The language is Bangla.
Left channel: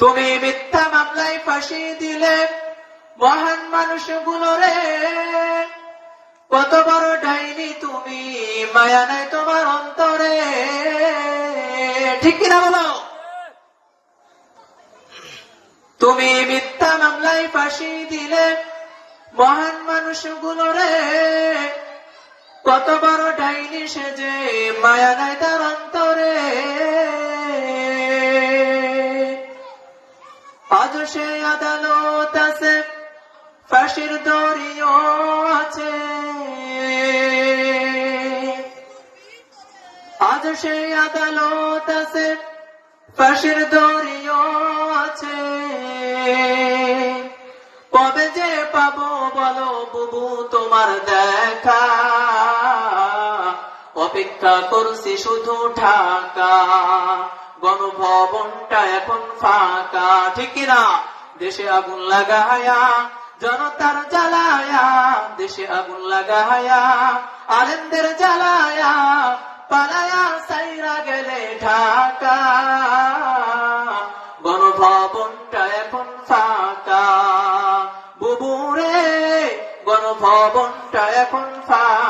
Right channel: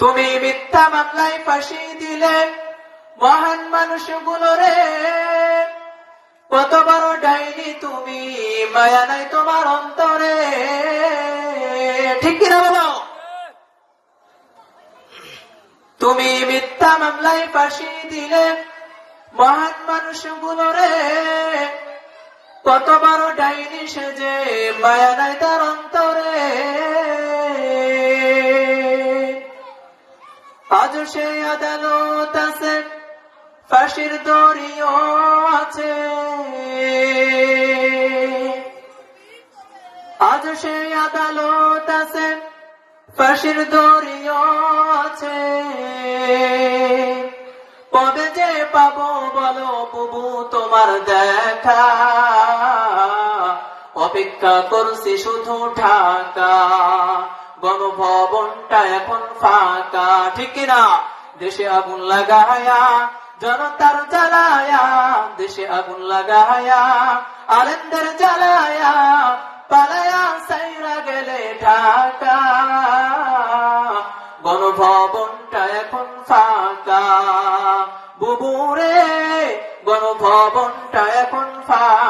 তুমি মিথ্যা মামলায় ফাঁসি দিলে মহান মানুষগুলো রে, কত বড় ডাইনি তুমি, মায়া নাই তোমার অন্তরে, ঠিক কিনা বলো? তুমি মিথ্যা মামলায় ফাঁসি দিলে মহান মানুষগুলো রে, কত বড় ডাইনি সেজে, মায়া নাই তার অন্তরে। আজ সে আদালত আছে, ফাঁসির দড়িও আছে, আজ সে আদালত আছে, ফাঁসির দড়িও আছে। কবে যে পাবো বলো বুবু তোমার দেখা, অপেক্ষা করছি শুধু ঢাকা, গণভবনটা এখন ফাঁকা, ঠিক কিনা? দেশে আগুন লাগায়া, জনতার জ্বালায়া, দেশে আগুন লাগায়া, আলেমদের জ্বালায়া, পালায়া সাইরা গেলে ঢাকা, গণভবনটা এখন ফাঁকা, বুবুরে গণভবনটা এখন ফাঁকা।